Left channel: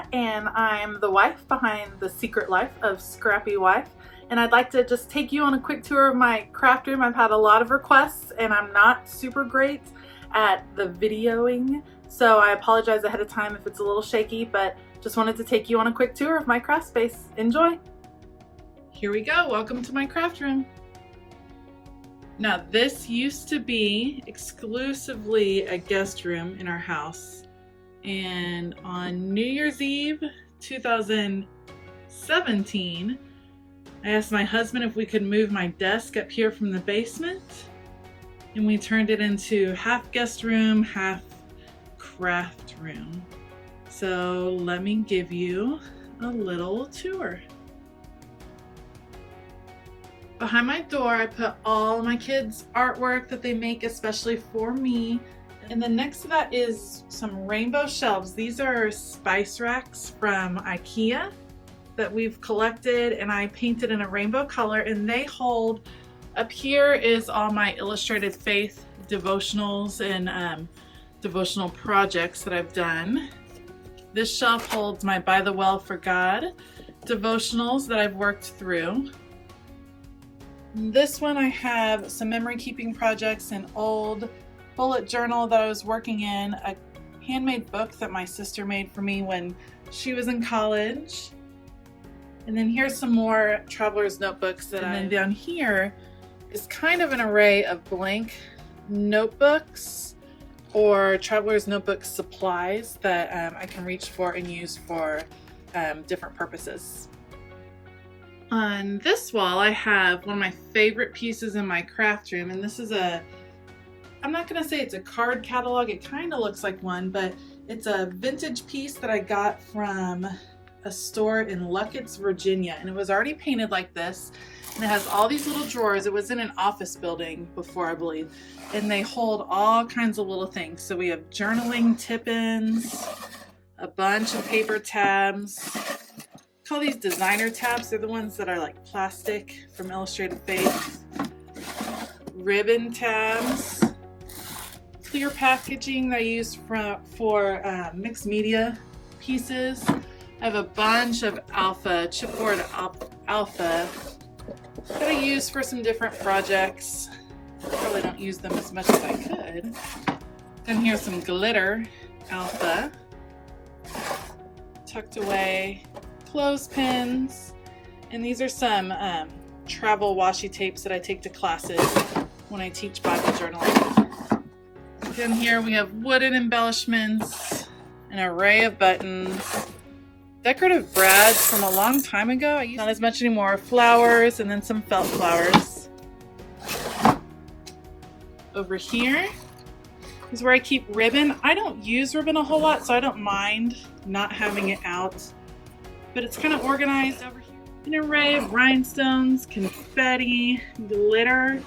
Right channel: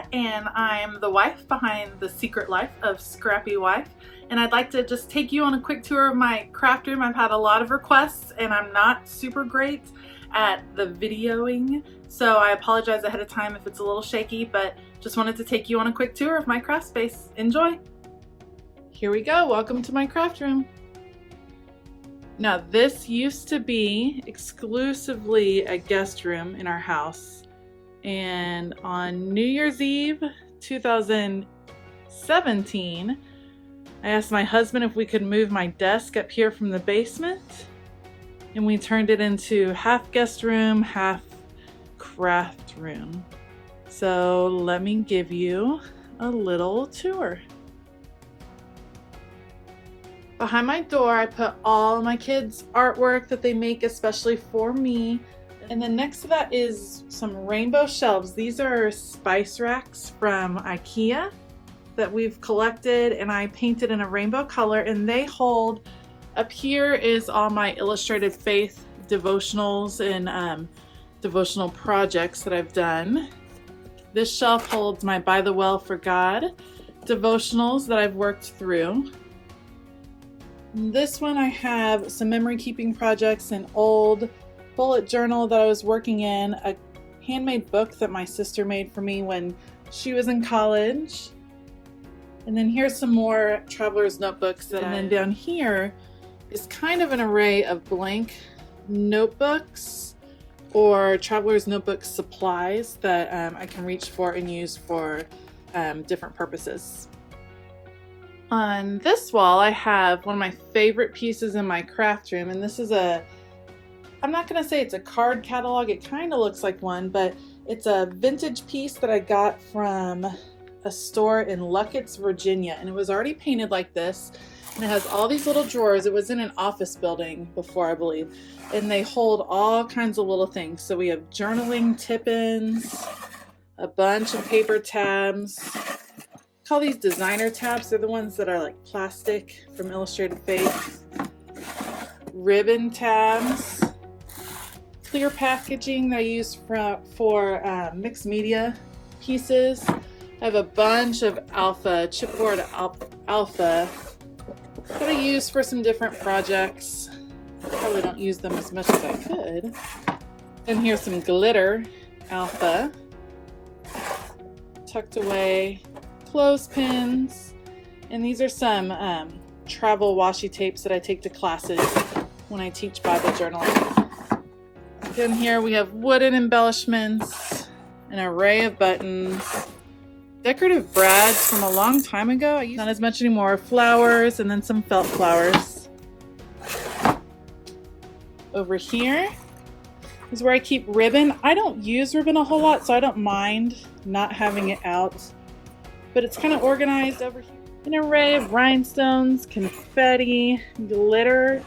Sarah, and I'm the wife behind The Secret Life of Scrappy Wife. And I'd like to just take you on a quick tour of my craft room. I've had a lot of requests and I'm not super great at the videoing, so I apologize ahead of time if it's a little shaky, but just wanted to take you on a quick tour of my craft space. Enjoy! Here we go, welcome to my craft room. Now this used to be exclusively a guest room in our house, and on New Year's Eve 2017 I asked my husband if we could move my desk up here from the basement, and we turned it into half guest room, half craft room. So let me give you a little tour. Behind my door, I put all my kids' artwork that they make especially for me. And then next to that is some rainbow shelves. These are spice racks from IKEA that we've collected, and I painted in a rainbow color, and they hold, up here is all my illustrated faith devotionals and devotional projects that I've done. This shelf holds my By the Well for God devotionals that I've worked through. In this one I have some memory keeping projects, an old bullet journal that I was working in, a handmade book that my sister made for me when she was in college. And then here's some more traveler's notebooks. And then down here is kind of an array of blank notebooks or traveler's notebook supplies that I can reach for and use for different purposes. On this wall, I have one of my favorite pieces in my craft room, and this is I'm not gonna say it's a card catalog, it kind of looks like one, but it's a vintage piece that I got from a store in Luckett's, Virginia, and it was already painted like this, and it has all these little drawers. It was in an office building before, I believe, and they hold all kinds of little things. So we have journaling tip-ins, a bunch of paper tabs. I call these designer tabs. They're the ones that are like plastic from Illustrated Faith. Ribbon tabs, clear packaging that I use for mixed media pieces. I have a bunch of chipboard alpha that I use for some different projects. I probably don't use them as much as I could. And here's some glitter alpha, tucked away clothespins, and these are some travel washi tapes that I take to classes when I teach Bible journaling. Then here we have wooden embellishments, an array of buttons, decorative brads from a long time ago. Not as much anymore. Flowers, and then some felt flowers. Over here is where I keep ribbon. I don't use ribbon a whole lot, so I don't mind not having it out, but it's kind of organized over here. An array of rhinestones, confetti, glitter,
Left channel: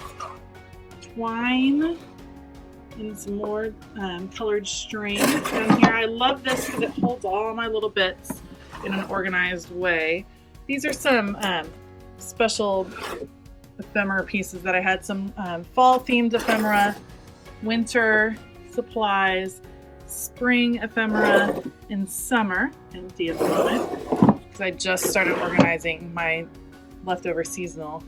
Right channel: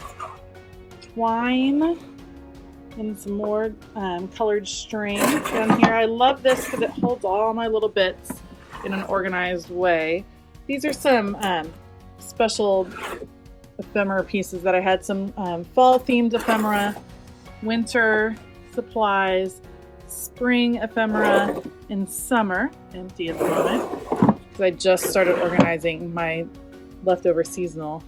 twine, and some more colored string. Down here, I love this because it holds all my little bits in an organized way. These are some special ephemera pieces that I had, some fall themed ephemera, winter supplies, spring ephemera, and summer, empty at the moment, because I just started organizing my leftover seasonal.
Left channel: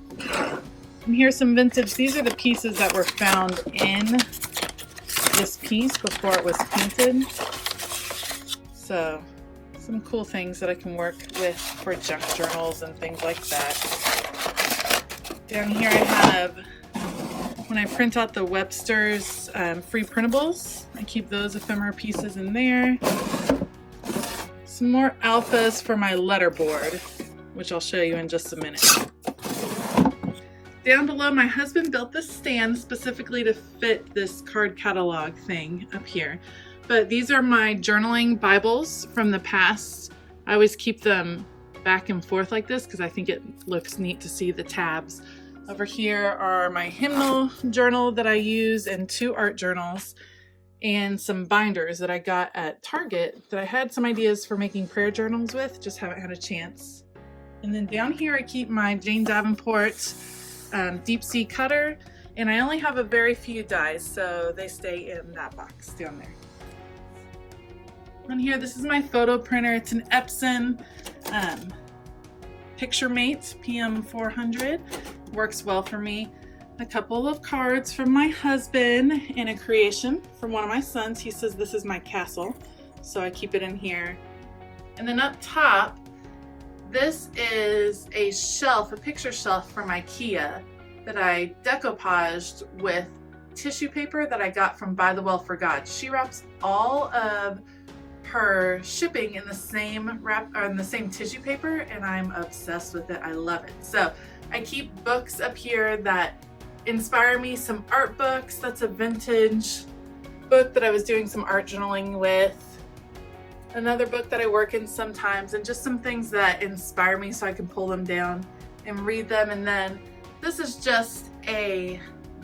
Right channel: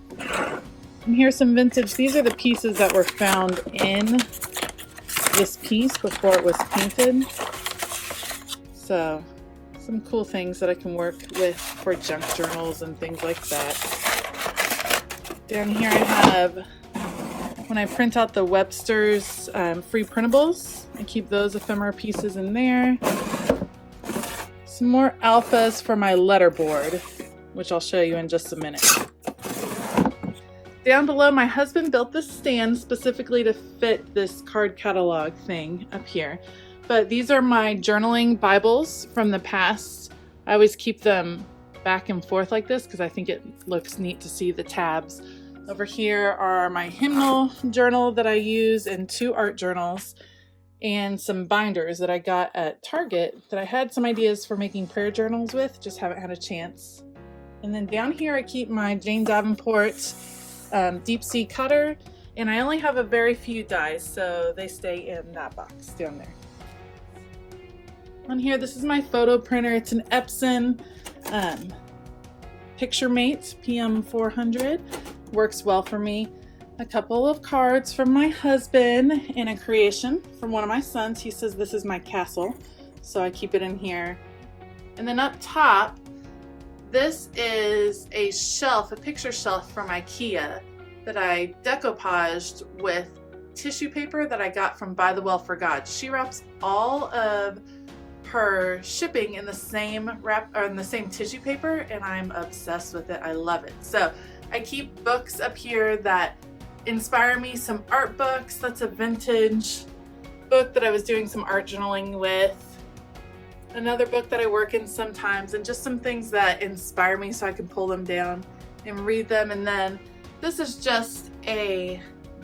And here's some vintage. These are the pieces that were found in this piece before it was painted. So some cool things that I can work with for junk journals and things like that. Down here I have, when I print out the Webster's free printables, I keep those ephemera pieces in there. Some more alphas for my letterboard, which I'll show you in just a minute. Down below, my husband built this stand specifically to fit this card catalog thing up here. But these are my journaling Bibles from the past. I always keep them back and forth like this because I think it looks neat to see the tabs. Over here are my hymnal journal that I use, and 2 art journals, and some binders that I got at Target that I had some ideas for making prayer journals with, just haven't had a chance. And then down here I keep my Jane Davenport deep sea cutter, and I only have a very few dies, so they stay in that box down there. On here, this is my photo printer. It's an Epson Picture Mate PM400. Works well for me. A couple of cards from my husband and a creation from one of my sons. He says this is my castle, so I keep it in here. And then up top, this is a shelf, a picture shelf from IKEA that I decoupaged with tissue paper that I got from By the Well for God. She wraps all of her shipping in the same tissue paper, and I'm obsessed with it. I love it. So I keep books up here that inspire me, some art books. That's a vintage book that I was doing some art journaling with. Another book that I work in sometimes, and just some things that inspire me so I can pull them down and read them. And then this is just a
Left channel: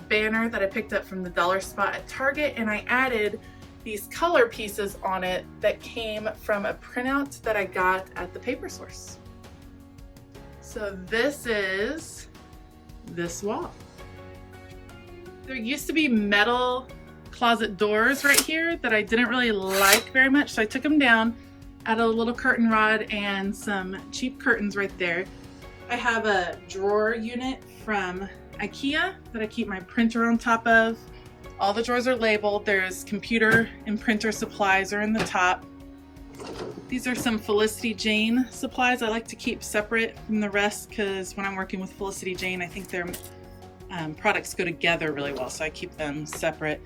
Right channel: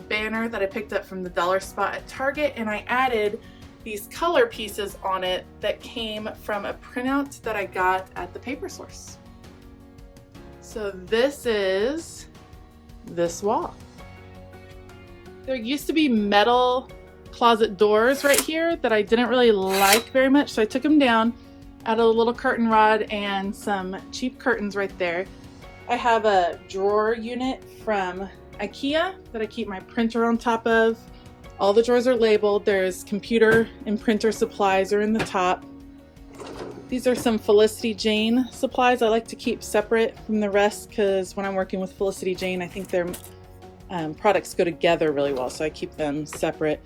banner that I picked up from the dollar spot at Target, and I added these color pieces on it that came from a printout that I got at the paper source. So this is this wall. There used to be metal closet doors right here that I didn't really like very much, so I took them down, added a little curtain rod and some cheap curtains right there. I have a drawer unit from IKEA that I keep my printer on top of. All the drawers are labeled. There's computer and printer supplies are in the top. These are some Felicity Jane supplies I like to keep separate from the rest, because when I'm working with Felicity Jane, I think their products go together really well, so I keep them separate.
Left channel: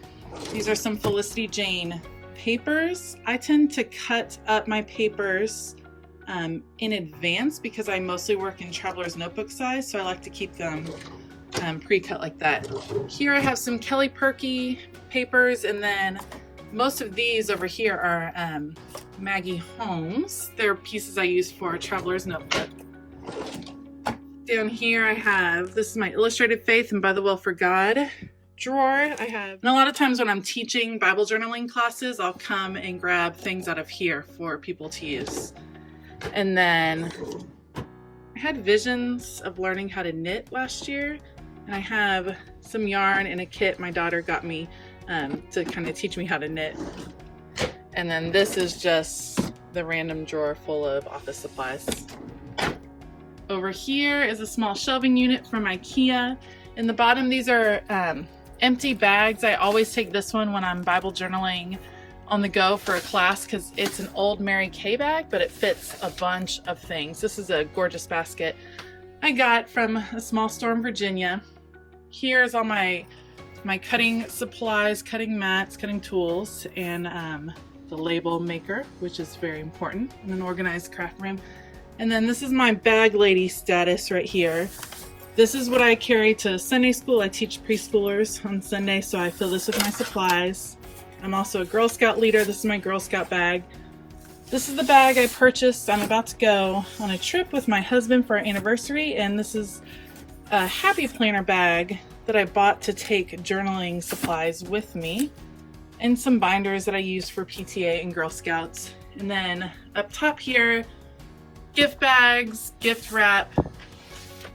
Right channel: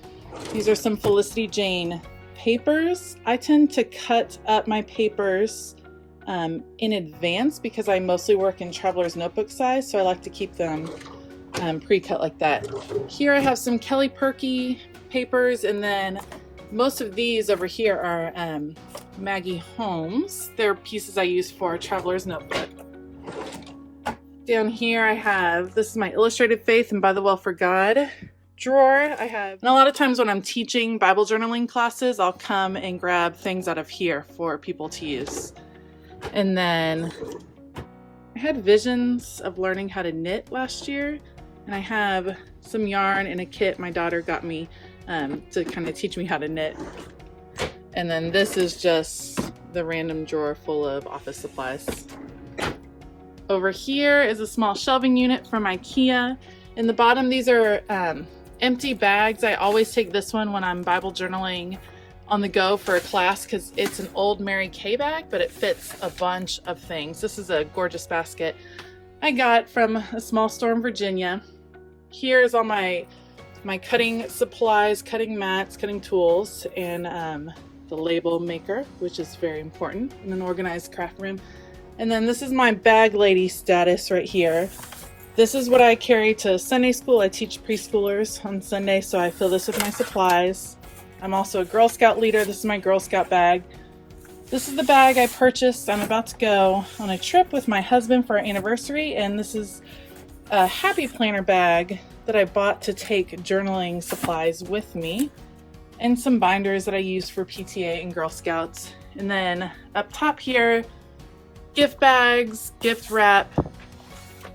These are some Felicity Jane papers. I tend to cut up my papers in advance because I mostly work in traveler's notebook size, so I like to keep them pre-cut like that. Here I have some Kelly Perky papers, and then most of these over here are Maggie Holmes. They're pieces I use for traveler's notebook. Down here I have, this is my Illustrated Faith and By the Well for God drawer. I have, and a lot of times when I'm teaching Bible journaling classes, I'll come and grab things out of here for people to use. And then I had visions of learning how to knit last year, and I have some yarn and a kit my daughter got me to kind of teach me how to knit. And then this is just the random drawer full of office supplies. Over here is a small shelving unit from IKEA. In the bottom, these are empty bags. I always take this one when I'm Bible journaling on the go for a class, because it's an old Mary Kay bag, but it fits a bunch of things. This is a gorgeous basket I got from a small store in Virginia. Here's all my cutting supplies, cutting mats, cutting tools, and the label maker, which is very important, and an organized craft room. And then this is my bag lady status right here. This is what I carry to Sunday school. I teach preschoolers on Sunday, so I fill this with my supplies. I'm also a Girl Scout leader. This is my Girl Scout bag. This is the bag I purchased. I'm about to go on a trip with my husband for our anniversary, and this is a Happy Planner bag that I bought to take journaling supplies with me, and some binders that I use for PTA and Girl Scouts. And then up top here, gift bags, gift wrap,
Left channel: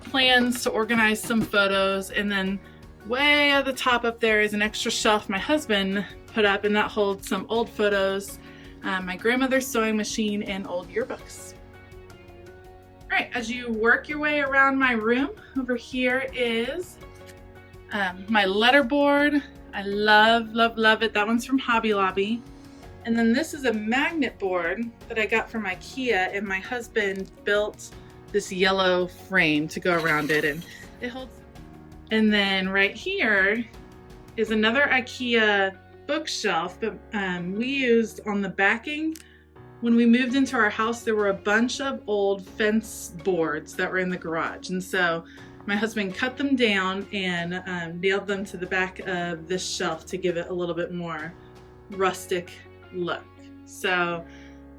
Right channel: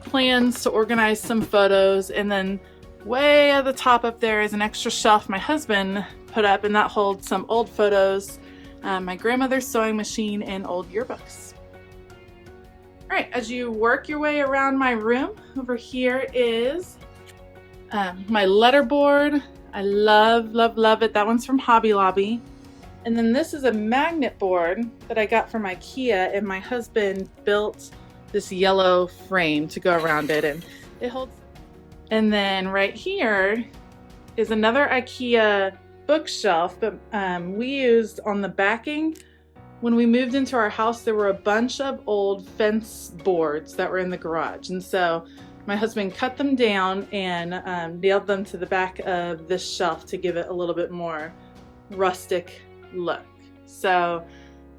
plans to organize some photos, and then way at the top up there is an extra shelf my husband put up, and that holds some old photos, my grandmother's sewing machine, and old yearbooks. All right, as you work your way around my room, over here is my letterboard. I love it. That one's from Hobby Lobby. And then this is a magnet board that I got from IKEA, and my husband built this yellow frame to go around it, and it holds. And then right here is another IKEA bookshelf that we used on the backing. When we moved into our house, there were a bunch of old fence boards that were in the garage, and so my husband cut them down and nailed them to the back of this shelf to give it a little bit more rustic look. So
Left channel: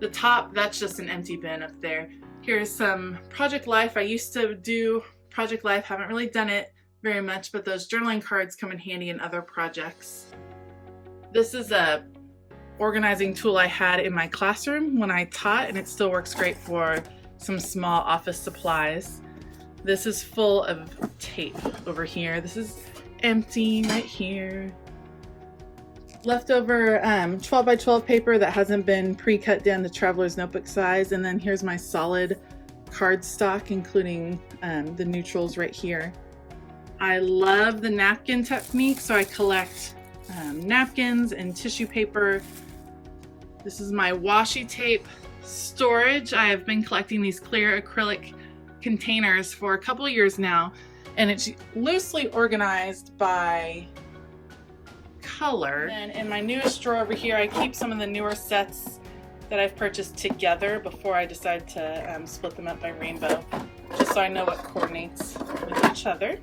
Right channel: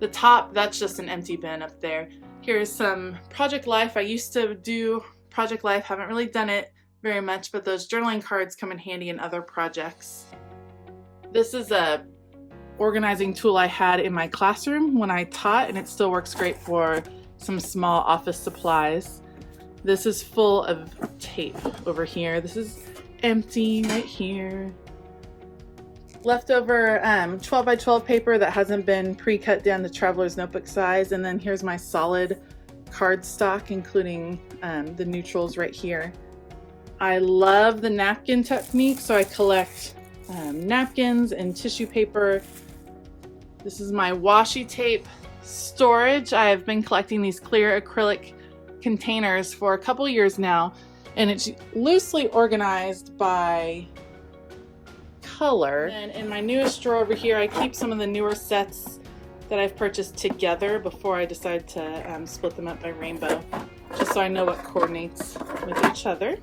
the top, that's just an empty bin up there. Here's some Project Life. I used to do Project Life, haven't really done it very much, but those journaling cards come in handy in other projects. This is a organizing tool I had in my classroom when I taught, and it still works great for some small office supplies. This is full of tape over here. This is empty right here. leftover 12 by 12 paper that hasn't been pre-cut down to traveler's notebook size. And then here's my solid cardstock, including the neutrals right here. I love the napkin technique, so I collect napkins and tissue paper. This is my washi tape storage. I have been collecting these clear acrylic containers for a couple years now, and it's loosely organized by color. And in my newest drawer over here, I keep some of the newer sets that I've purchased together before I decide to split them up by rainbow, just so I know what coordinates with each other.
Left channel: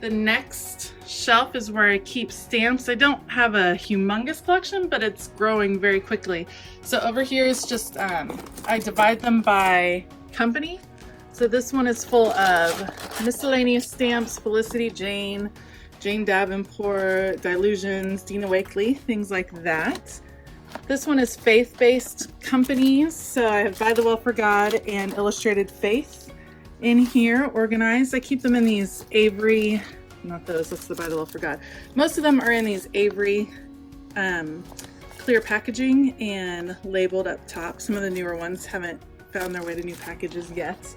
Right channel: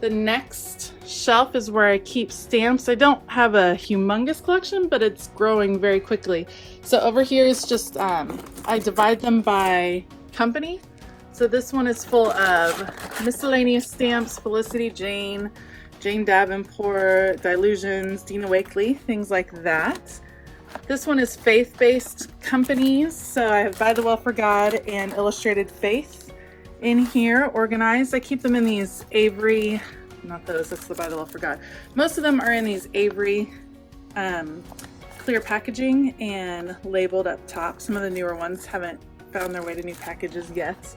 The next shelf is where I keep stamps. I don't have a humongous collection, but it's growing very quickly. So over here is just, I divide them by company. So this one is full of Miscellaneous stamps, Felicity, Jane Davenport, Dilutions, Dina Wakley, things like that. This one is faith-based companies. So I have By the Well for God and Illustrated Faith in here organized. I keep them in these Avery, not those, that's the By the Well for God. Most of them are in these Avery clear packaging and labeled up top. Some of the newer ones haven't found their way to new packages yet.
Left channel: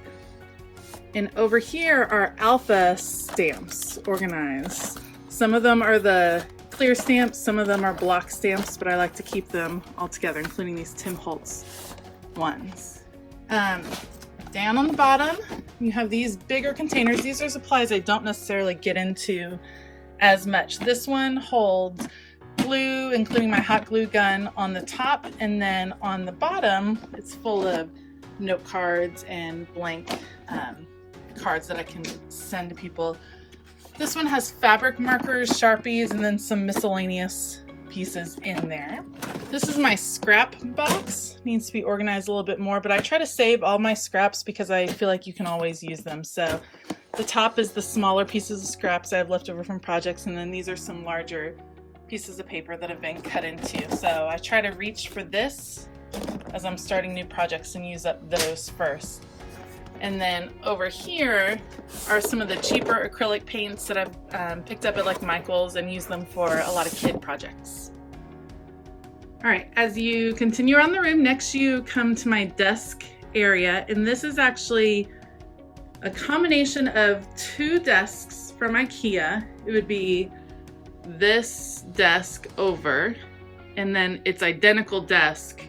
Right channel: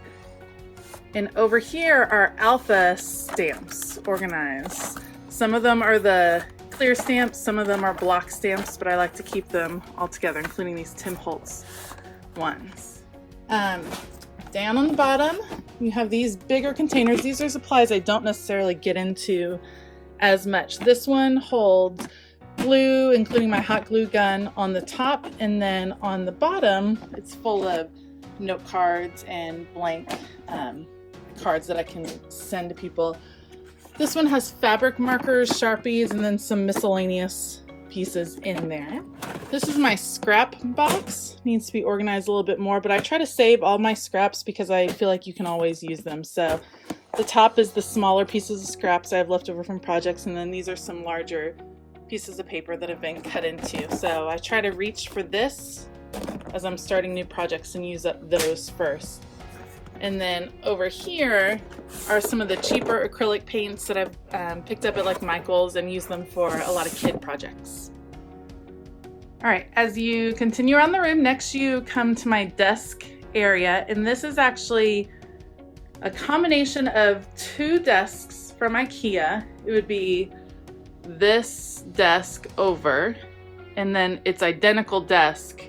And over here are alpha stamps organized. Some of them are the clear stamps, some of them are block stamps, but I like to keep them all together, including these Tim Holtz ones. Down on the bottom, you have these bigger containers. These are supplies I don't necessarily get into as much. This one holds glue, including my hot glue gun on the top, and then on the bottom, it's full of note cards and blank cards that I can send to people. This one has fabric markers, Sharpies, and then some miscellaneous pieces in there. This is my scrap box. Needs to be organized a little bit more, but I try to save all my scraps because I feel like you can always use them. So the top is the smaller pieces of scraps I have left over from projects, and then these are some larger pieces of paper that have been cut into. So I try to reach for this as I'm starting new projects and use up those first. And then over here are some of the cheaper acrylic paints that I've picked up at like Michael's and use them for a lot of kid projects. All right, as you continue around the room, next you come to my desk area, and this is actually a combination of two desks from IKEA. It would be this desk over, and then its identical desk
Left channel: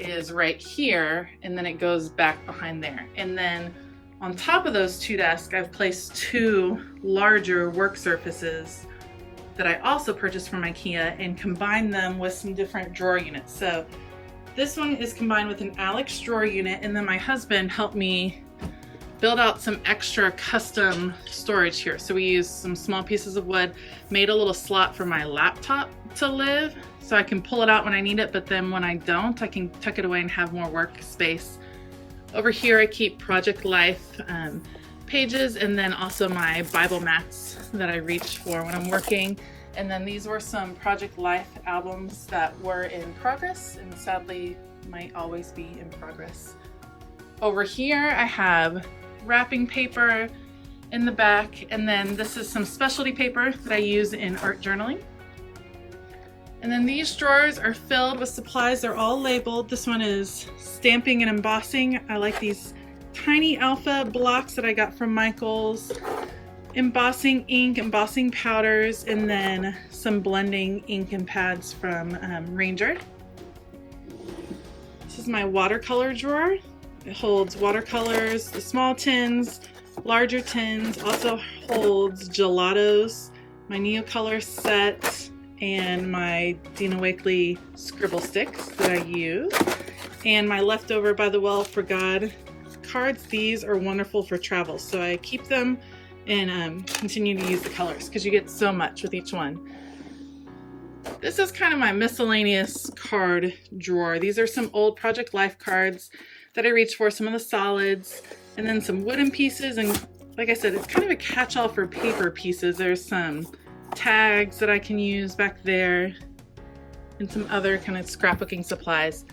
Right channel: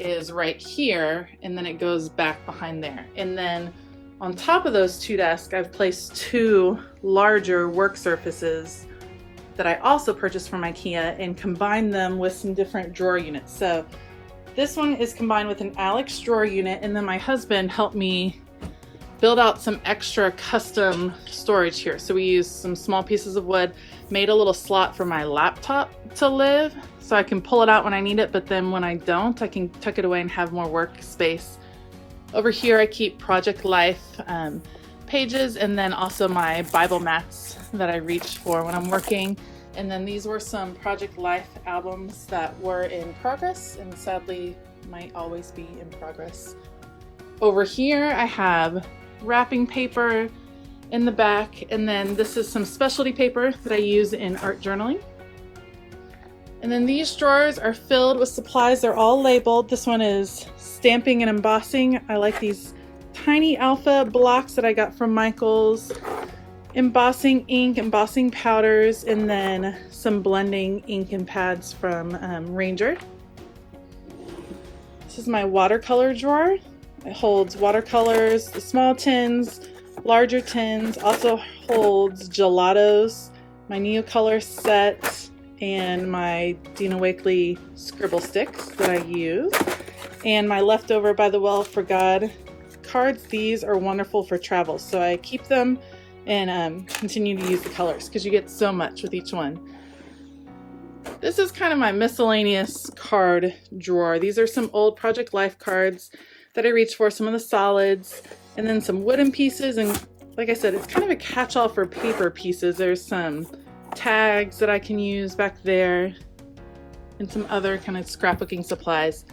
is right here, and then it goes back behind there. And then on top of those two desks, I've placed two larger work surfaces that I also purchased from IKEA and combined them with some different drawer units. So this one is combined with an Alex drawer unit, and then my husband helped me build out some extra custom storage here. So we used some small pieces of wood, made a little slot for my laptop to live, so I can pull it out when I need it, but then when I don't, I can tuck it away and have more workspace. Over here I keep Project Life pages, and then also my Bible mats that I reach for when I'm working. And then these were some Project Life albums that were in progress and sadly might always be in progress. Over here I have wrapping paper in the back, and then this is some specialty paper that I use in art journaling. And then these drawers are filled with supplies. They're all labeled. This one is stamping and embossing. I like these tiny alpha blocks that I got from Michael's. Embossing ink, embossing powders, and then some blending ink and pads from Ranger. This is my watercolor drawer. It holds watercolors, the small tins, larger tins, also holds gelatos, my Neocolor set, and my Dina Wakley scribble sticks that I use, and my leftover By the Well for God cards. These are wonderful for travel, so I keep them and continue to use the colors because you get so much with each one. This is kind of my miscellaneous card drawer. These are some old Project Life cards that I reach for, some of the solids, and then some wooden pieces. And like I said, it's kind of a catch-all for paper pieces. There's some tags that I can use back there and some other kind of scrapbooking supplies.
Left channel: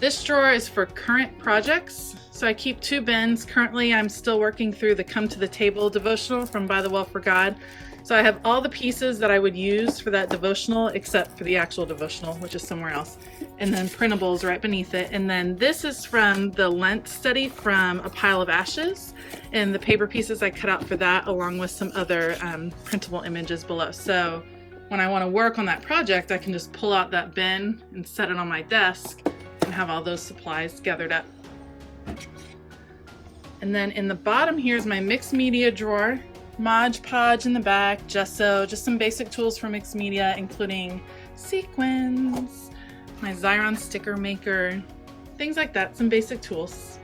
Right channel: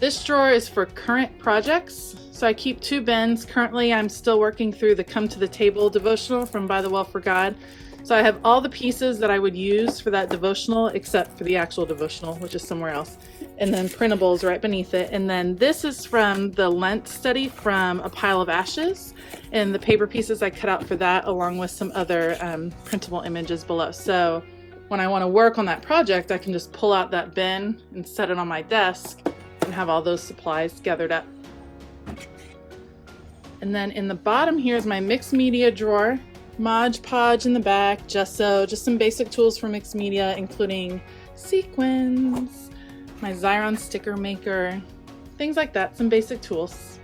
This drawer is for current projects. So I keep 2 bins. Currently, I'm still working through the Come to the Table devotional from By the Well for God. So I have all the pieces that I would use for that devotional, except for the actual devotional, which is somewhere else. And then printables right beneath it. And then this is from the Lent study from A Pile of Ashes. And the paper pieces I cut out for that, along with some other printable images below. So when I want to work on that project, I can just pull out that bin and set it on my desk and have all those supplies gathered up. And then in the bottom here is my mixed media drawer. Mod Podge in the back, gesso, just some basic tools for mixed media, including sequins, my Xyron sticker maker, things like that, some basic tools.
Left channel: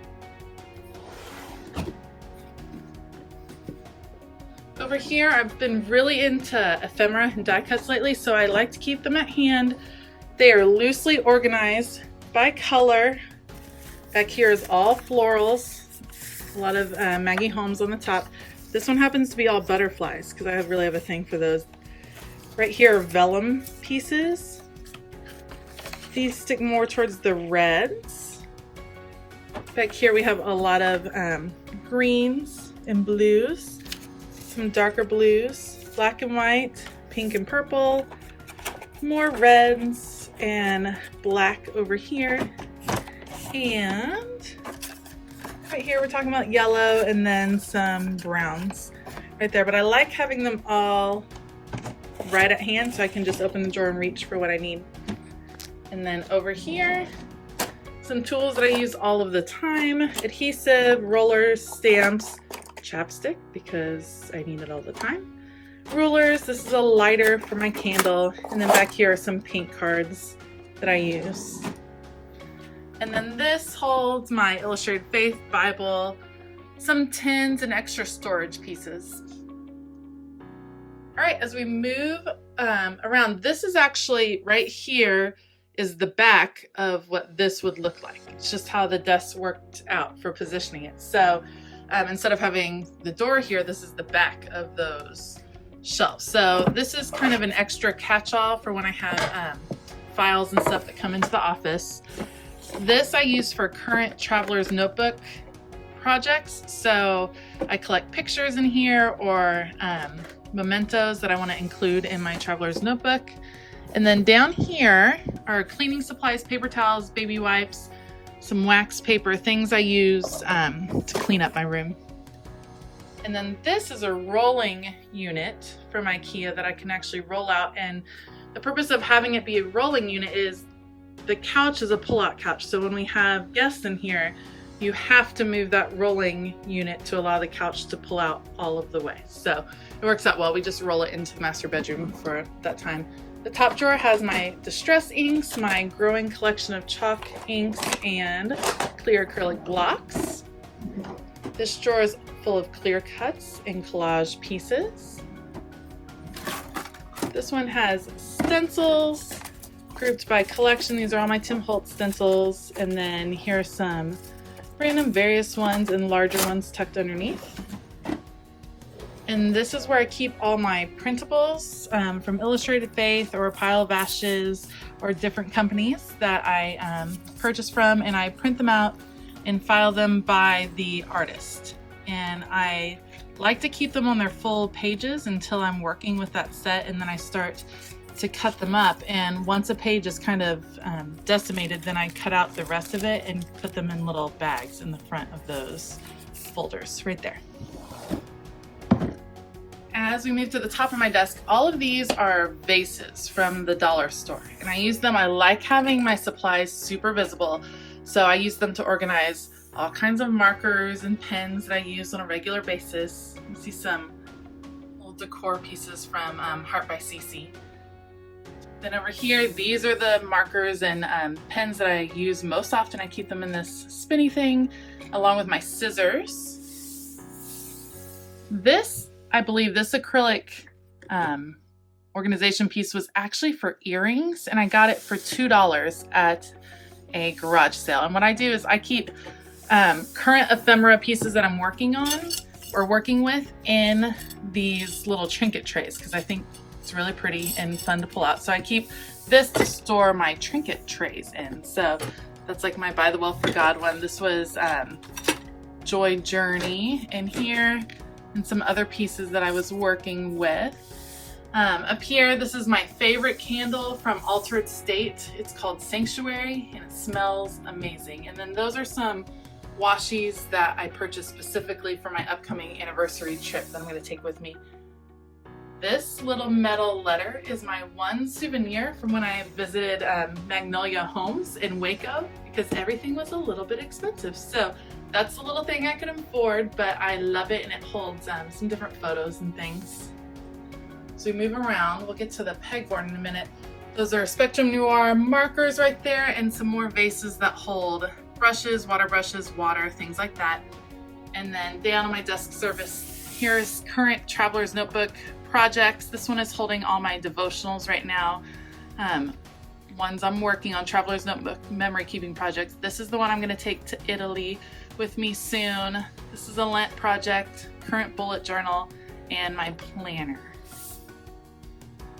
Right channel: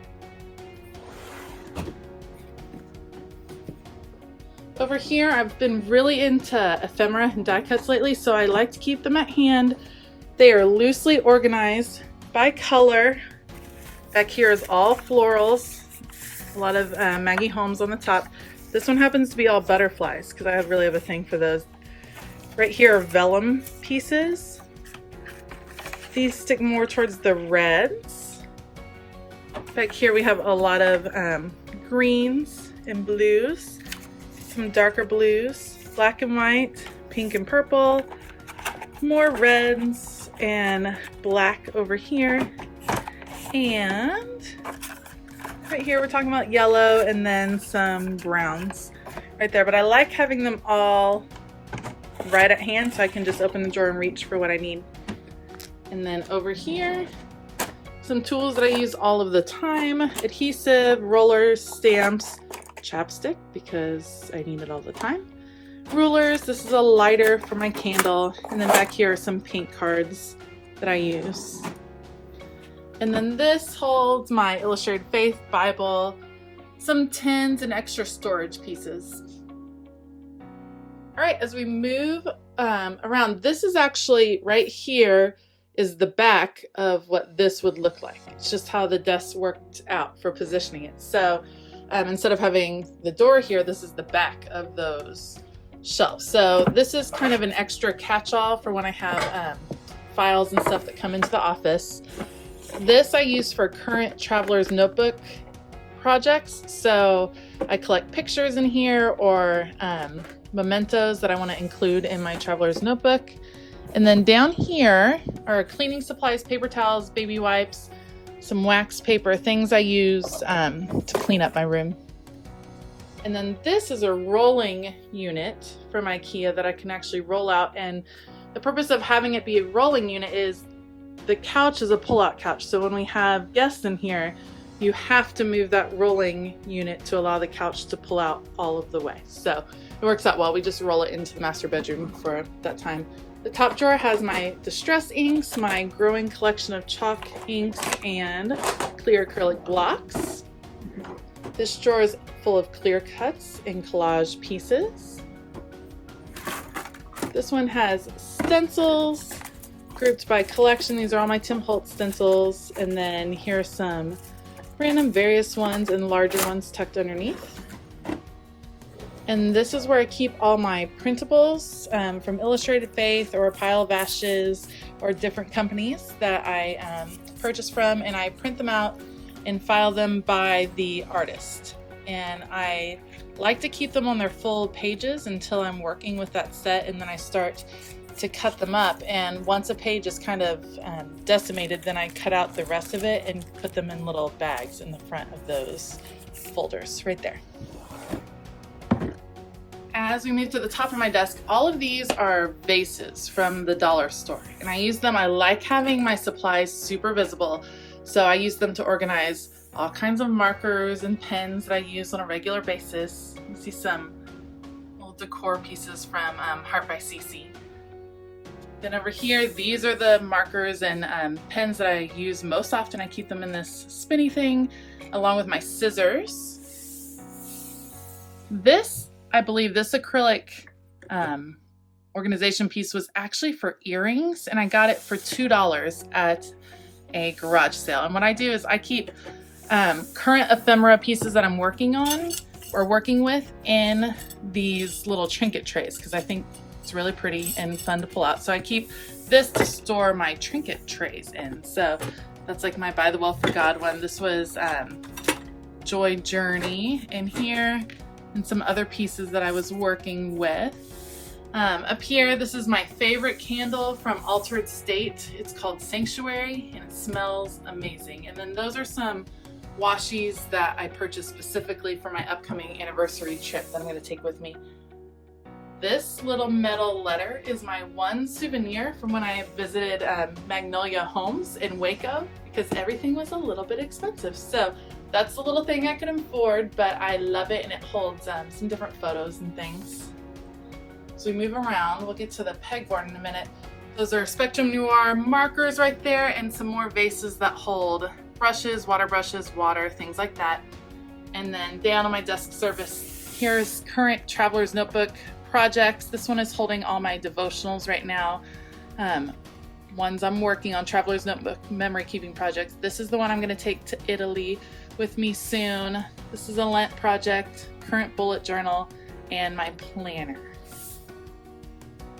Over here, I've been really into ephemera and die cuts lately, so I like to keep them at hand. They are loosely organized by color. Back here is all florals, a lot of Maggie Holmes on the top. This one happens to be all butterflies because I really have a thing for those. Right here are vellum pieces. These stick more towards the reds. Back here we have a lot of greens and blues, some darker blues, black and white, pink and purple, more reds and black over here. And right here we're talking about yellow and then some browns right there. But I like having them all right at hand so I can just open the drawer and reach for what I need. And then over here, some tools that I use all of the time: adhesive, rollers, stamps, chapstick because I need it all the time, rulers. This is a lighter for my candle. And then back here are some paint cards that I use. And then this holds my Illustrated Faith Bible, some tins, and extra storage pieces. All right, as we move around, this is actually right here is the back of what this would look like. It's just how the desk worked out for positioning it. So instead of having the door here, this is the back of those shelves. So this is kind of an extra catch-all for when I have files and stuff that come into the office. This I use for current traveler's notebook projects. So I collect pictures in here or mementos that I want to include in my traveler's notebook. And then down here are cleaning supplies, paper towels, baby wipes, some wax paper, things I use to clean up my room. And then this is a rolling unit from IKEA that I can actually roll out. And the purpose of having it be a rolling unit is the couch is a pull-out couch. So when we have guests in here, you have to move that rolling unit to allow the couch to pull out all of the way. So it works out well. We just roll it into the master bedroom for that time. The top drawer has my distress inks, my growing collection of chalk inks and clear acrylic blocks. This drawer is full of clear cuts and collage pieces. This one has stencils grouped by collection. These are all my Tim Holtz stencils. And then here are some random various ones and larger ones tucked underneath. And this is where I keep all my printables from Illustrated Faith or A Pile of Ashes or different companies that I purchase from, and I print them out and file them by the artist. And I like to keep them on their full pages until I'm working with that set, and then I start to cut them up. And once a page is kind of decimated, then I cut out the rest of it and put them in little bags in the front of those folders right there. As we move to the top of my desk, all of these are vases from the dollar store, and I use them. I like having my supplies super visible, so I use them to organize all kinds of markers and pens that I use on a regular basis. You see some little decor pieces from Heart by Cece. Then over here, these are the markers and pens that I use most often. I keep them in this spinny thing along with my scissors. I believe this acrylic organization piece was actually for earrings, and I got it for $2 at a garage sale. And what I do is I keep current ephemera pieces that I'm working on or working with in these little trinket trays because I think it's really pretty and fun to pull out. So I keep this to store my trinket trays in. So That's like my By the Well for God one. This was Joy Journey in here, and some other pieces that I was working with. Up here, this is my favorite candle from Altered State. It's called Sanctuary, and it smells amazing. And then those are some Washis that I purchased specifically for my upcoming anniversary trip that I'm going to take with me. This little metal letter is my one souvenir from when I visited Magnolia Homes in Waco, because everything was a little bit expensive. So that's the little thing I can afford, but I love it, and it holds some different photos and things. So we move around, we'll get to the pegboard in a minute. Those are Spectrum Noir markers right there, and some more vases that hold brushes, water, things like that. And then down on my desk service, here's current Traveler's Notebook projects. This one is holding all my devotionals right now. Ones I'm working on, Traveler's Notebook memory keeping projects. This is the one I'm going to take to Italy with me soon. This is a Lent project, current bullet journal, and my planner.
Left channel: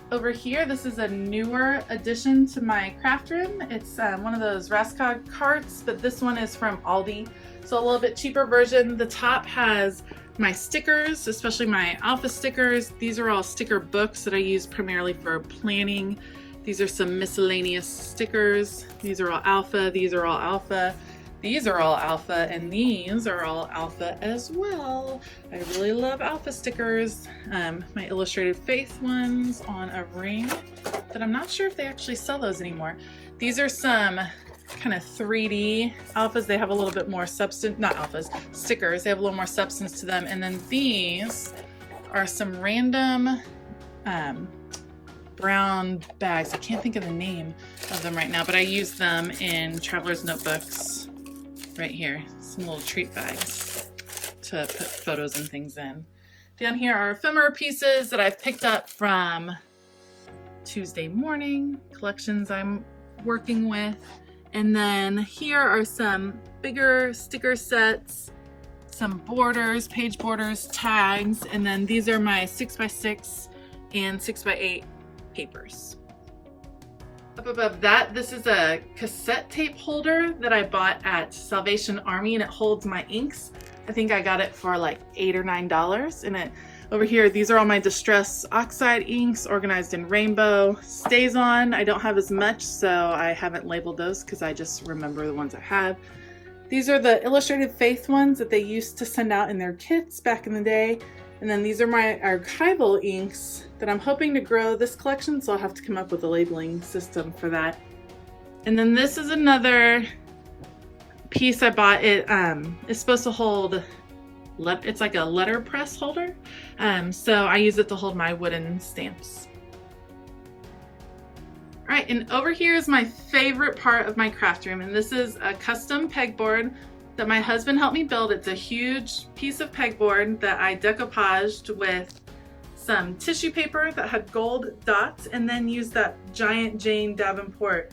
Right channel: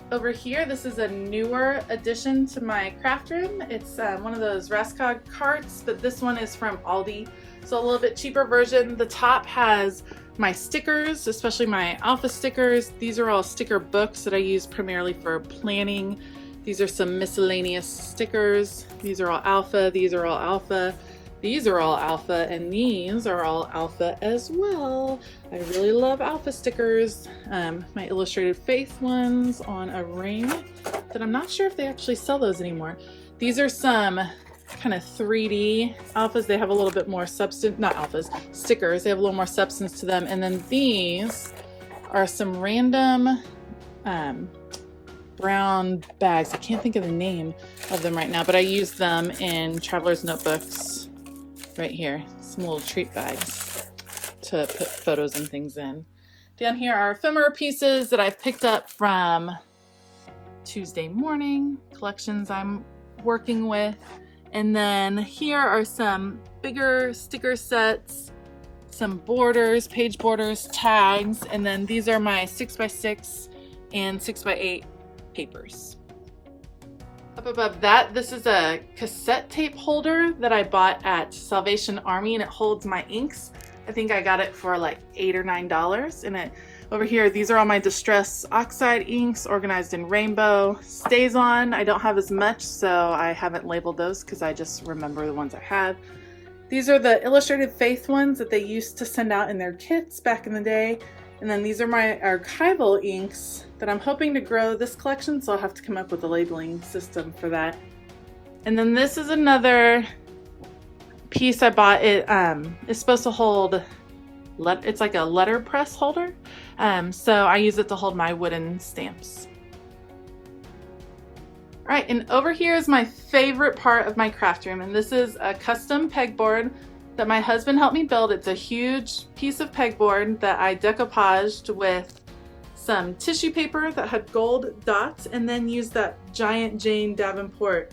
Over here, this is a newer addition to my craft room. It's one of those Raskog carts, but this one is from Aldi, so a little bit cheaper version. The top has my stickers, especially my alpha stickers. These are all sticker books that I use primarily for planning. These are some miscellaneous stickers. These are all alpha, these are all alpha, these are all alpha, and these are all alpha as well. I really love alpha stickers. My Illustrated Faith ones on a ring that I'm not sure if they actually sell those anymore. These are some kind of 3D alphas. They have a little bit more substance, not alphas, stickers. They have a little more substance to them. And then these are some random brown bags. I can't think of the name of them right now, but I use them in Traveler's Notebooks right here. Some little treat bags to put photos and things in. Down here are ephemera pieces that I've picked up from Tuesday morning collections I'm working with. And then here are some bigger sticker sets, some borders, page borders, tags, and then these are my 6x6 and 6x8 papers. Up above that, this is a cassette tape holder that I bought at Salvation Army, and it holds my inks. I think I got it for like $8 or $9. And over here, these are all my Distress Oxide inks organized in rainbow. StazOn, I don't have as much, so I haven't labeled those because I just remember the ones I have. These are the Illustrated Faith ones that they used to send out in their kits back in the day. And then these are my archival inks that I'm hoping to grow this collection, so I'll have to come up with a labeling system for that. And then this is another piece I bought. It is supposed to hold, it's like a letterpress holder, so I use it to hold my wooden stamps. All right, and over here is my favorite part of my craft room, and this is a custom pegboard that my husband helped me build. It's a huge piece of pegboard that I decoupaged with some tissue paper that had gold dots, and then used that giant Jane Davenport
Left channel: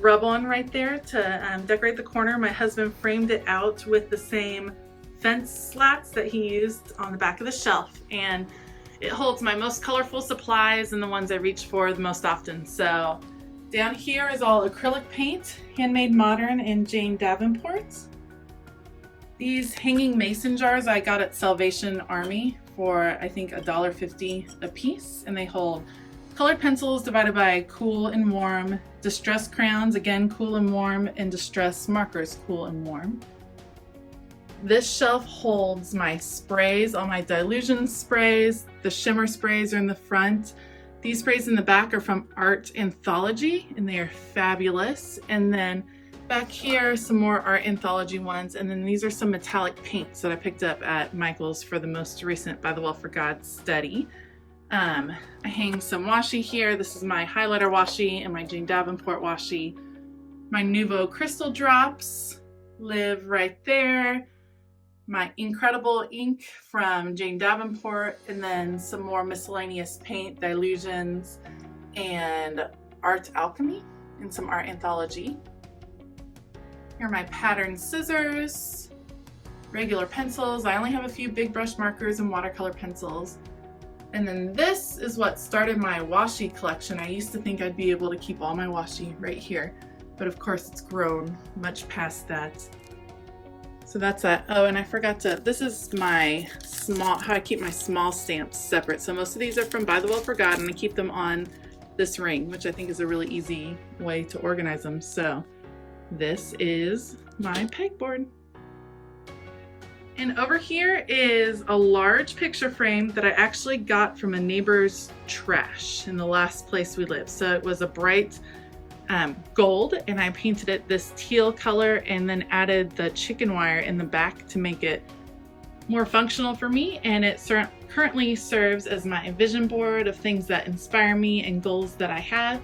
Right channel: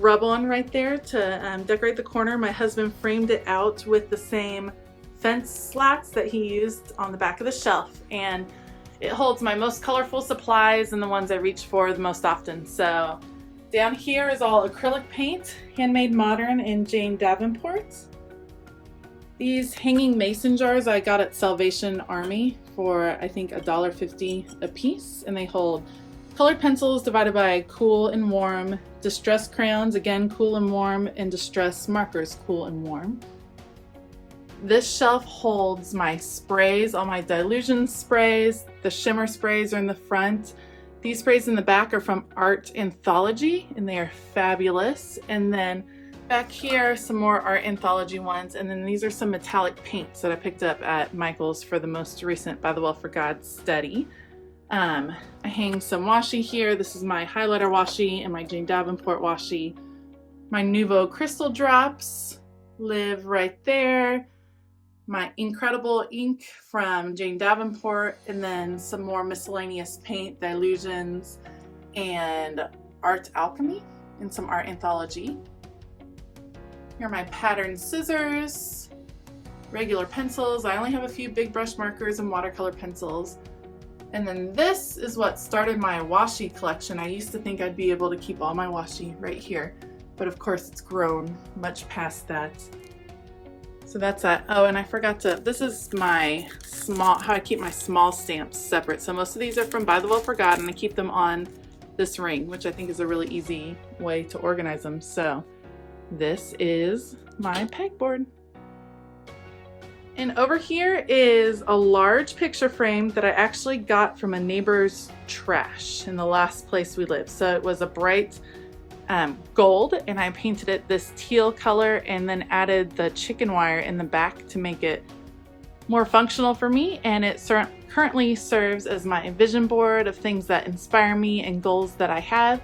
rub on right there to decorate the corner. My husband framed it out with the same fence slats that he used on the back of the shelf, and it holds my most colorful supplies and the ones I reach for the most often. So down here is all acrylic paint, handmade modern in Jane Davenport. These hanging mason jars I got at Salvation Army for I think $1.50 a piece, and they hold colored pencils divided by cool and warm, distress crayons, again cool and warm, and distress markers, cool and warm. This shelf holds my sprays, all my dilution sprays. The shimmer sprays are in the front. These sprays in the back are from Art Anthology, and they are fabulous. And then back here, some more Art Anthology ones. And then these are some metallic paints that I picked up at Michael's for the most recent By the Well for God study. I hang some washi here. This is my highlighter washi and my Jane Davenport washi. My Nuvo crystal drops live right there. My Incredible ink from Jane Davenport, and then some more miscellaneous paint, dilutions, and art alchemy, and some Art Anthology. Here are my pattern scissors, regular pencils. I only have a few big brush markers and watercolor pencils. And then this is what started my washi collection. I used to think I'd be able to keep all my washi right here. but of course it's grown much past that. So that's that. Oh, and I forgot to, this is my small, how I keep my small stamps separate. So most of these are from By the Well Forgotten. I keep them on this ring, which I think is a really easy way to organize them. So this is my pegboard. And over here is a large picture frame that I actually got from a neighbor's trash in the last place we lived. So it was a bright gold, and I painted it this teal color and then added the chicken wire in the back to make it more functional for me. And it currently serves as my vision board of things that inspire me and goals that I have.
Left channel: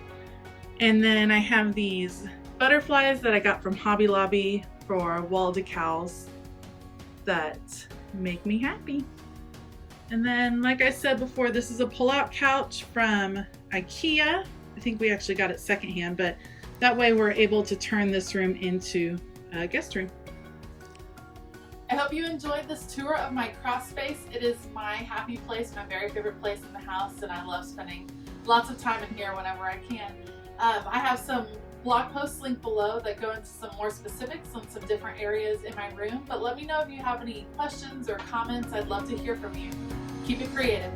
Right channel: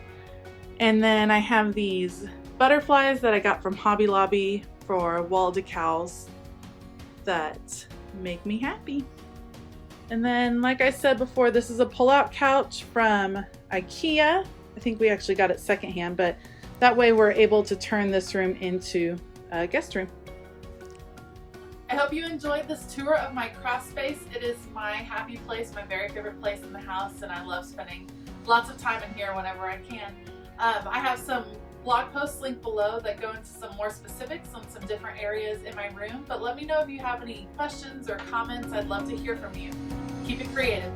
And then I have these butterflies that I got from Hobby Lobby for wall decals that make me happy. And then, like I said before, this is a pull-out couch from IKEA. I think we actually got it secondhand, but that way we're able to turn this room into a guest room. I hope you enjoyed this tour of my craft space. It is my happy place, my very favorite place in the house, and I love spending lots of time in here whenever I can. I have some blog posts linked below that go into some more specifics on some different areas in my room, but let me know if you have any questions or comments. I'd love to hear from you. Keep it creative.